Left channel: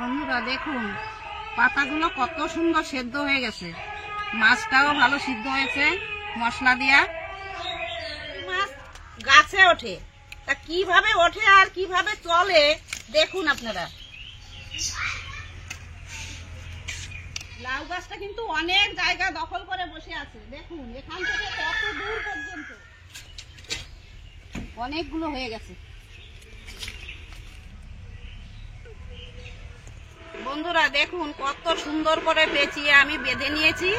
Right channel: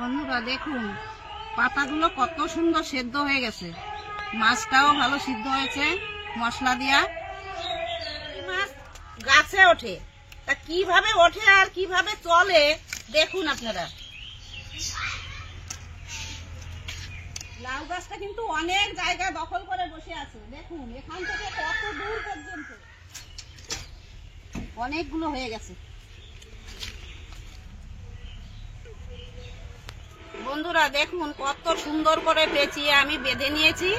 বন্ধুরা দেখুন পাতাগুলো কত সুন্দর সেদ্ধ হয়ে গেছে, মাছটাও ভালো সিদ্ধ হয়েছে মশলা দিয়া। মাছ গাছে ওঠে, তা কিভাবে ওঠে আর কিভাবে চলে দেখুন আপনারা। লাউ গাছটা কিন্তু অনেক জায়গা দখল করে বসে আছে, দেখুন এখান থেকে কত দূর পর্যন্ত অনেকগুলো হয়ে গেছে। বন্ধুরা দেখুন কত সুন্দর করে পেঁচিয়ে আমি বেঁধে নিয়েছি,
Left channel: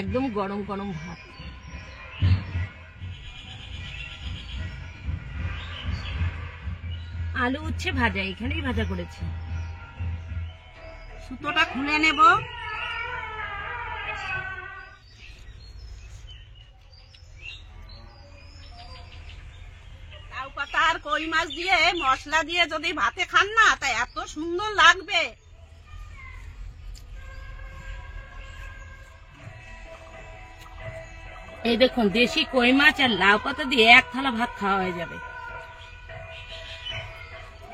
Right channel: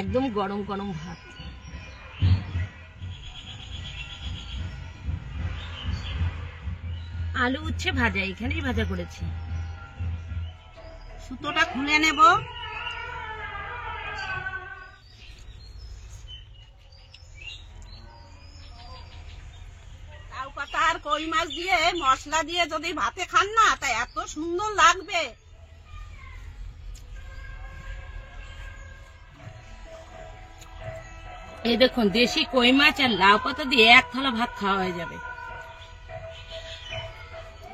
একদম গরম গরম ভাত। আলু উচ্ছে ভাজা, এখানেই ভাজা করেছি। সুতোটা খুলে নেব। লাউ পাতা আর কই মাছ দিয়ে মশলা দিয়ে যদি ভাতে খান না, তা এত সুন্দর লাগবে। এই দেখুন দেশি কই মাছ আর লাউ পাতা দিয়ে এক থালা ভাত খাওয়া হয়ে যাবে।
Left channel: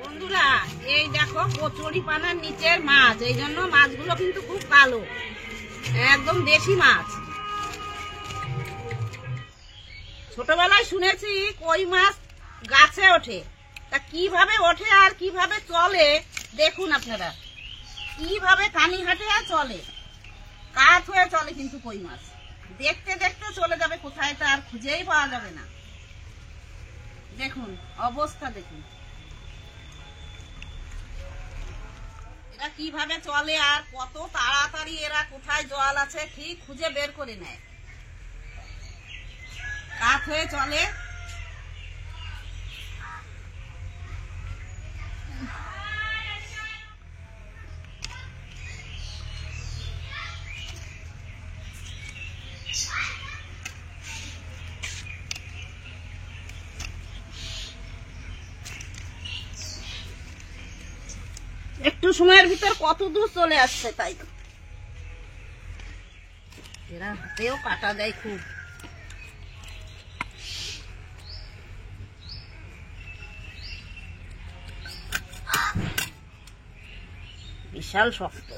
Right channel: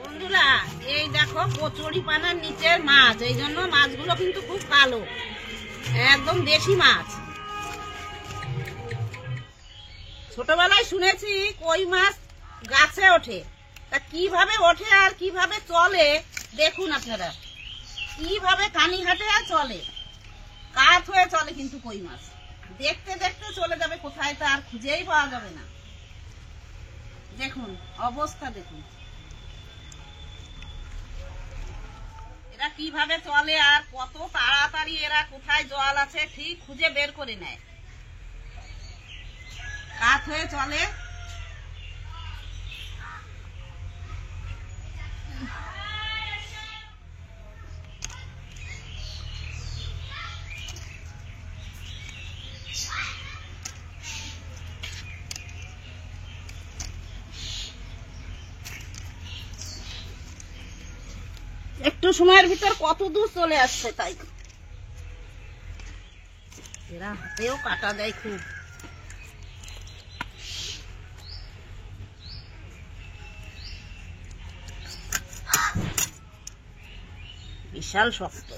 বন্ধুরা এই দেখো কচুরি পানার নিচের মাছ, এই জন্য মাছগুলো কিন্তু খুব কালো, একদম দেশি মাছ। ছোটবেলায় শুনেছি কই মাছ গাছে ওঠে, তা কিভাবে ওঠে আর কিভাবে চলে দেখুন আপনারা। কিভাবে কানি হাঁটে আর চলে, কাঠ হয়ে চলে কিন্তু কই মাছ। দেখতে দেখতে চলে যাবে কোথায়, তা আর খুঁজেই পাওয়া যাবে না। দেখুন অবস্থা দেখুন এরা কিভাবে চলে আর কত তাড়াতাড়ি এরা কোথায় জল আছে ঠিক খুঁজে বের করে নেয়। কাঠ হয়ে চলে। একটু সময়ের ভিতর কত দূর চলে আসছে, তাই এরা হাতেও কাটা যায় খুব। বিশাল শক্ত।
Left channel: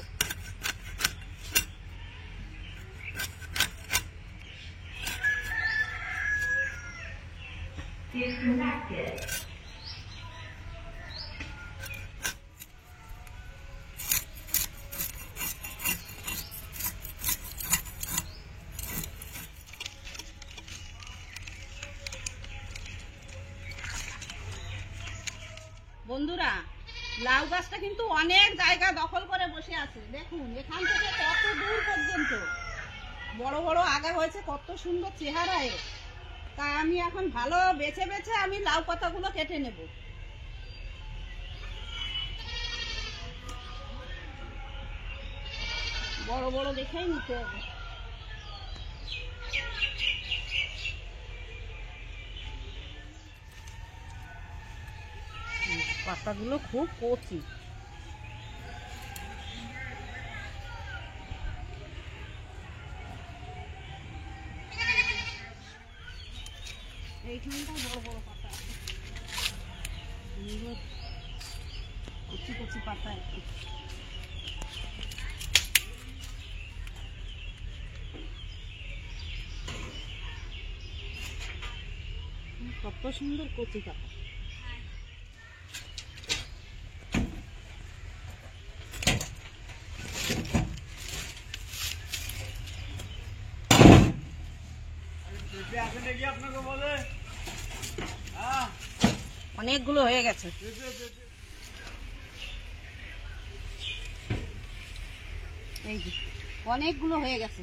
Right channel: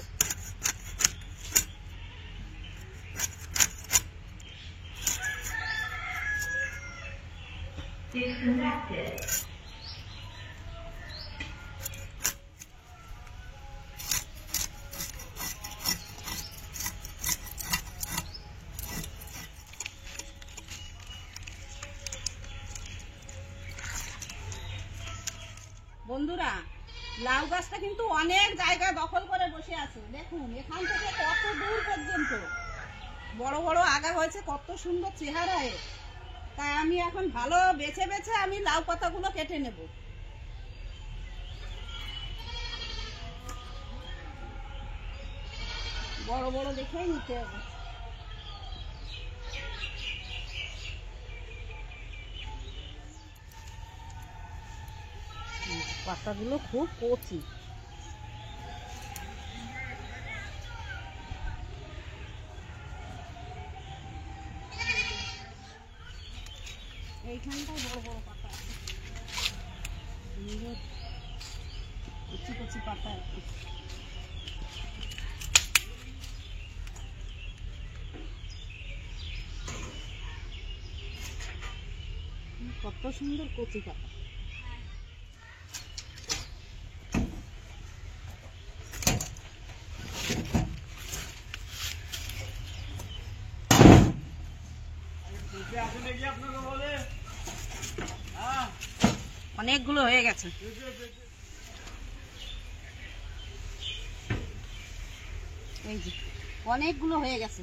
বন্ধুরা লাউ গাছটা কিন্তু অনেক জায়গা দখল করে বসে আছে, দেখুন এখান থেকে কত দূর পর্যন্ত বড় বড় আগা হয়েছে, কত সুন্দর চেহারা এর। তাই আমি এখন ভালো বেছে বেছে আমি লাউ পাতাগুলো কেটে নেব। বড় বড় দেখেই নিতে হবে। পাতাগুলো খুব কচি। এইখানটায় বড় বড় পাতা আছে, কচি কচি পাতা আর কি। কত সুন্দর কচি পাতা। অনেকগুলো হয়ে গেছে। এই যে অনেকগুলো হয়ে গেছে,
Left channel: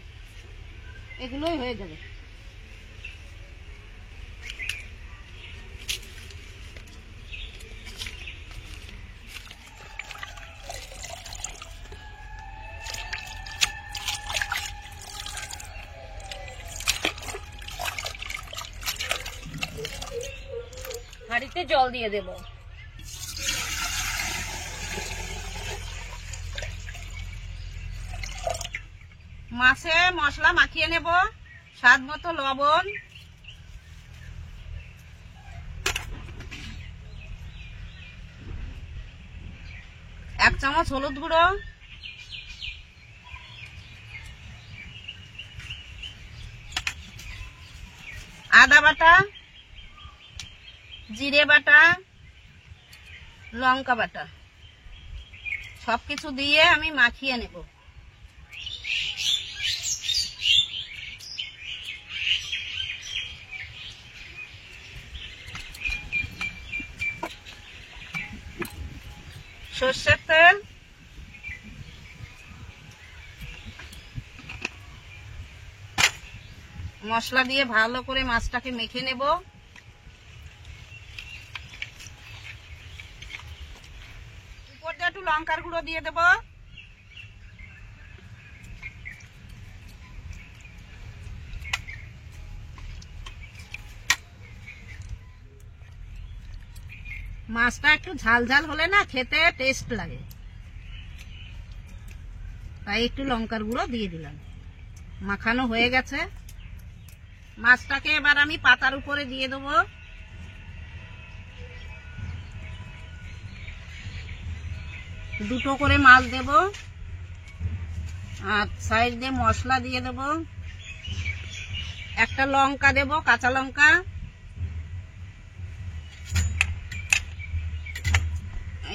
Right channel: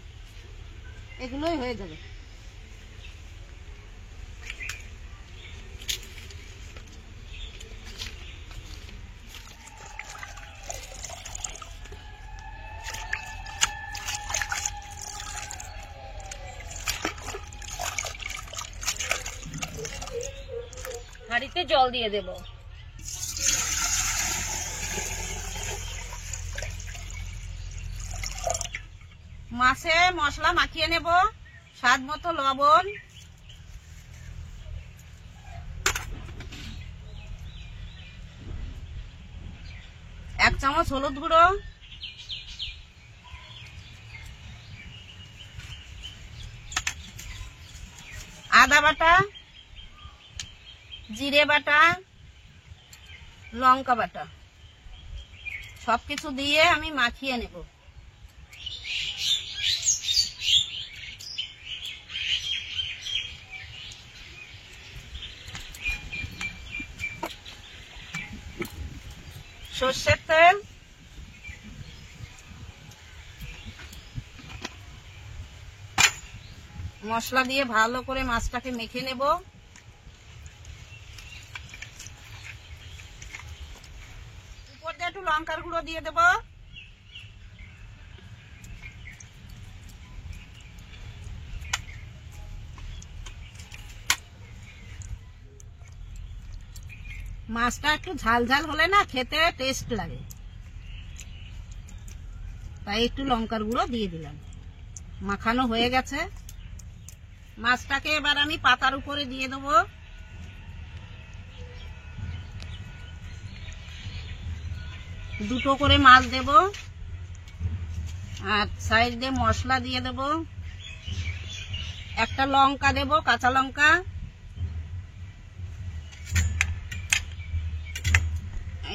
এগুলোই হয়ে যাবে। হাঁড়িতে জল দিয়ে দেব। মাছে মশলা মাখিয়ে নেব, স্বাদ মতো লবণ, 1 চামচ হলুদ গুঁড়ো, আদা বাটা, জিরে বাটা, লঙ্কা বাটা সবকিছু দিয়ে আমি মাখিয়ে নেব। সর্ষের তেল, মশলা দিয়ে ভালো করে মাছটাকে মেখে নেব। উপর দিয়ে একটু লঙ্কার গুঁড়ো দিয়ে দেব। মাছটা একটু ঝাল ঝাল হলে না খেতে টেস্ট লাগে, তাই একটু লঙ্কার গুঁড়ো দিয়ে দিলাম। মাখানো হয়ে গেছে। মাছটাকে এবার আমি পাতার উপরে দিয়ে দেবো। দুটো করে মাছ দেব আর সাইড দিয়ে মশলা দিয়ে দেব। একটা লঙ্কা দেব, কাঁচা লঙ্কা।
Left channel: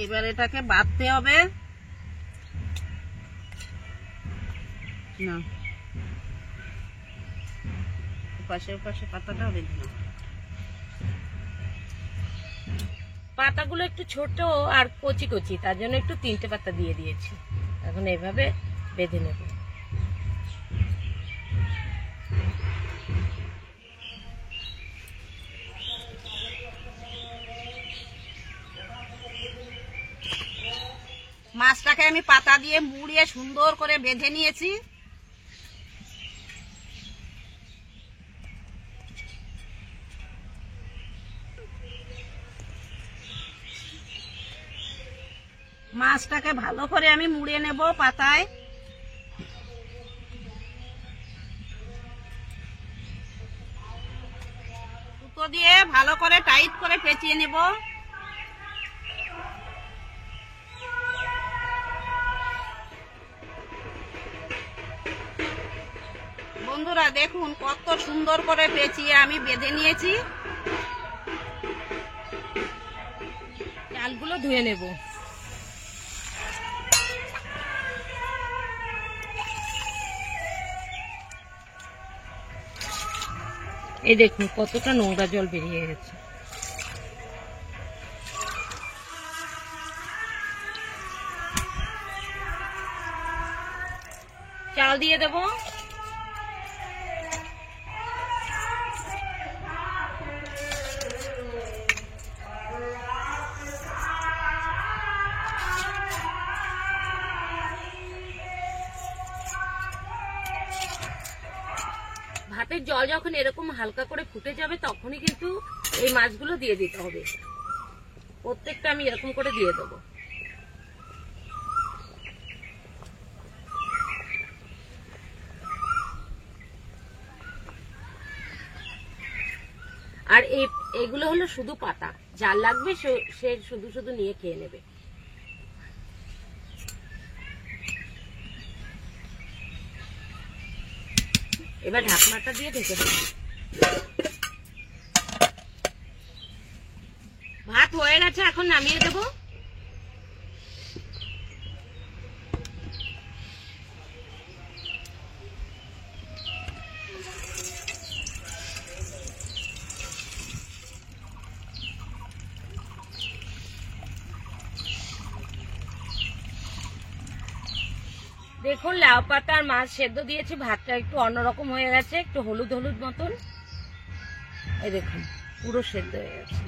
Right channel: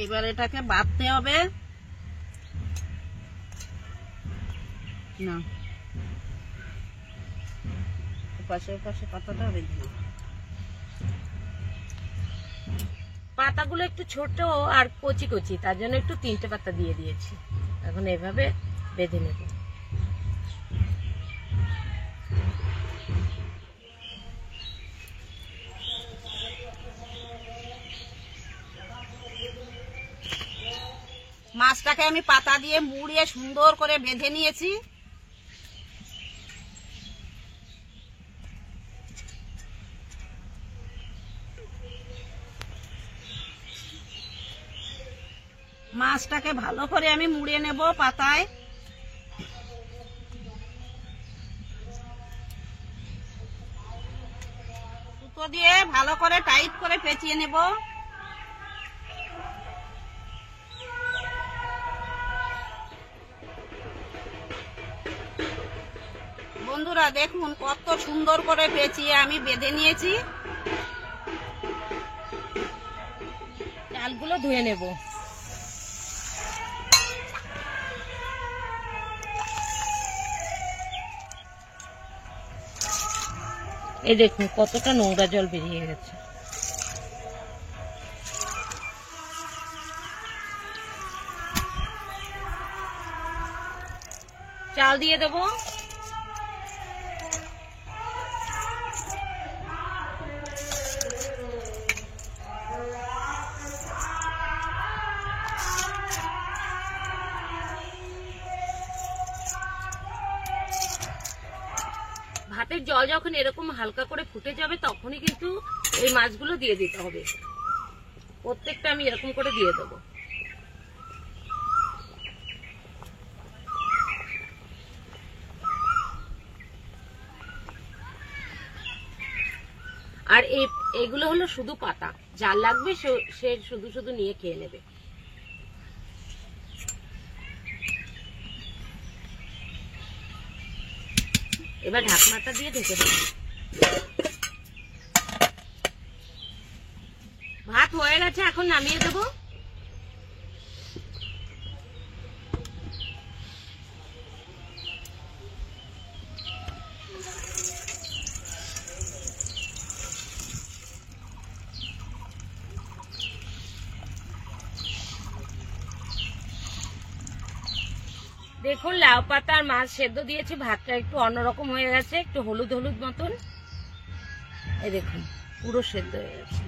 এবার এটাকে বাটতে হবে। না, পাশে পাতাটা বেঁধে নেব। পাতাগুলো একটু ছোট আর কচি কচি, তার জন্য একটু 3টে পাতা দিয়ে দিয়েছি। এখন এভাবে বেঁধে নেব। মাছটাকে আমি পাতা দিয়ে মুড়িয়ে সুন্দর করে বেঁধে নিয়েছি। মাছটাকে ভালো করে আমি মুড়িয়ে নেব পাতায়। সুতো দিয়ে ভালো করে টাইট করে পেঁচিয়ে নেব। বন্ধুরা দেখুন কত সুন্দর করে পেঁচিয়ে আমি বেঁধে নিয়েছি। চালগুলো ধুয়ে নেব। এই দেখুন কতটা নোংরা জল বেরিয়ে গেছে। চাল দিয়ে দেবো। ভাতের জল যখন এরকম হালকা করে ফুটে যাবে তখনই কিন্তু এই মাছগুলো দিয়ে দিতে হবে। প্রত্যেকটা আমি এরকম করে দিয়ে দেবো। আর এগুলো হলো শুধু পাতা, যার লাগবে সে শুধু শুধু নিয়ে খেয়ে নেবে। এবার ঢাকনাটা দিয়ে ঢেকে দেব। ভাত হয়ে গেছে, এখন নামিয়ে দেব। দেখুন লাউ পাতার মাছ সেদ্ধ দিয়েছি, ভাতটা একটু অন্যরকম হয়ে গেছে, একটু হলুদ হলুদ মতন। এই দেখুন পুরো সেদ্ধ হয়ে গেছে।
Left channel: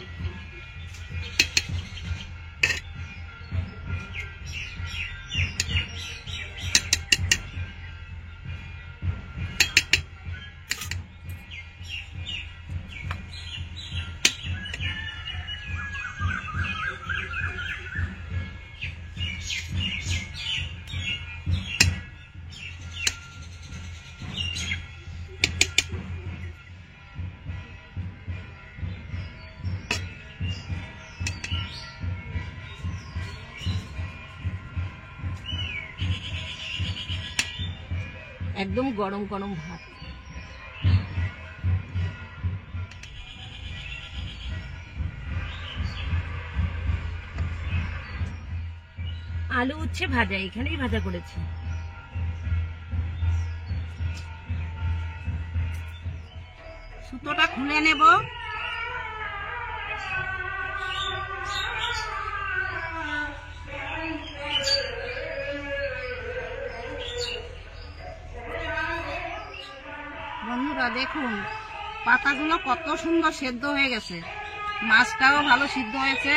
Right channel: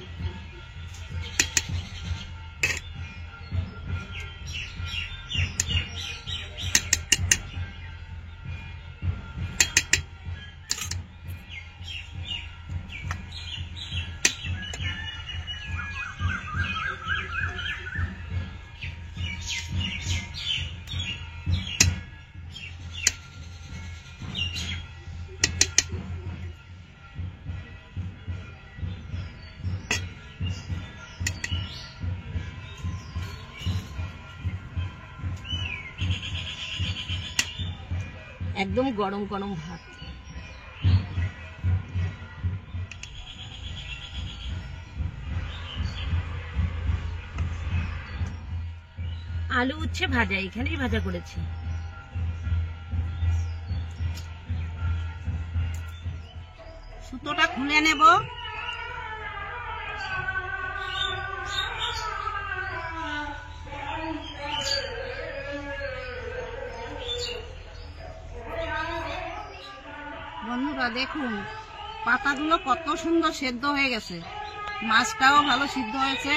একদম গরম গরম ভাত। আলু উচ্ছে ভাজা, এখানেই ভাজা করেছি। সুতোটা খুলে নেব। বন্ধুরা দেখুন পাতাগুলো কত সুন্দর সেদ্ধ হয়ে গেছে, মাছটাও ভালো সিদ্ধ হয়েছে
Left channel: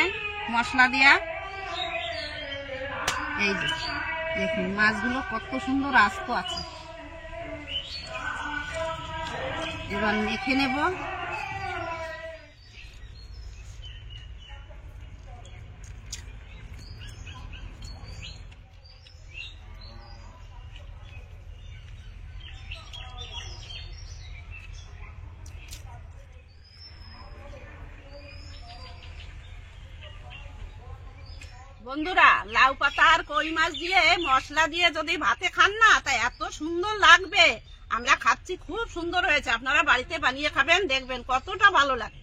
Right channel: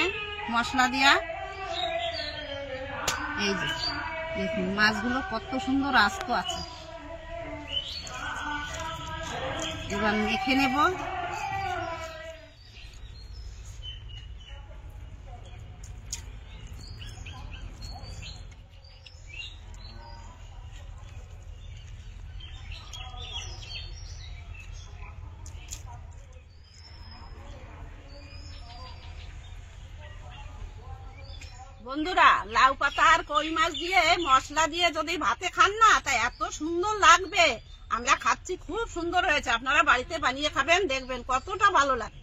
মশলা দিয়া। এই যে দেখুন মাছগুলো কত সুন্দর আস্ত আছে। এবার মেখে নেব। বন্ধুরা লাউ পাতা আর কই মাছ দিয়ে মশলা দিয়ে যদি ভাতে খান না তা এত সুন্দর লাগবে। আমরা খাচ্ছি, খুব সুন্দর হয়েছে। আপনারা বাড়িতে বানিয়ে খাবেন, দেখবেন কতটা ভালো লাগে।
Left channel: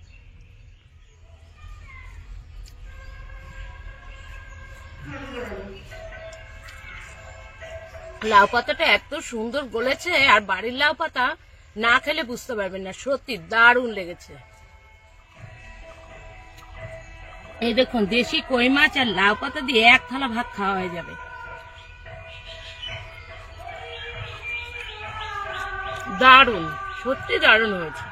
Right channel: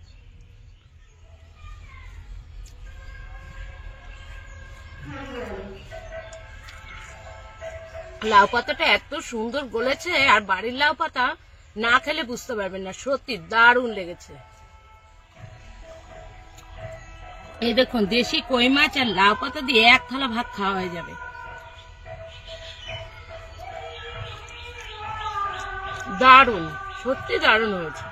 লাউ পাতাটা এত সুন্দর গলেছে, আর বাড়ির লাউ পাতা না খেলে বুঝতে পারবেন না, সত্যি দারুণ লেগেছে। এই দেখুন দেশি কই মাছ আর লাউ পাতা দিয়ে এক থালা ভাত খাওয়া হয়ে যাবে। দারুণ, সত্যি দারুণ হয়েছে।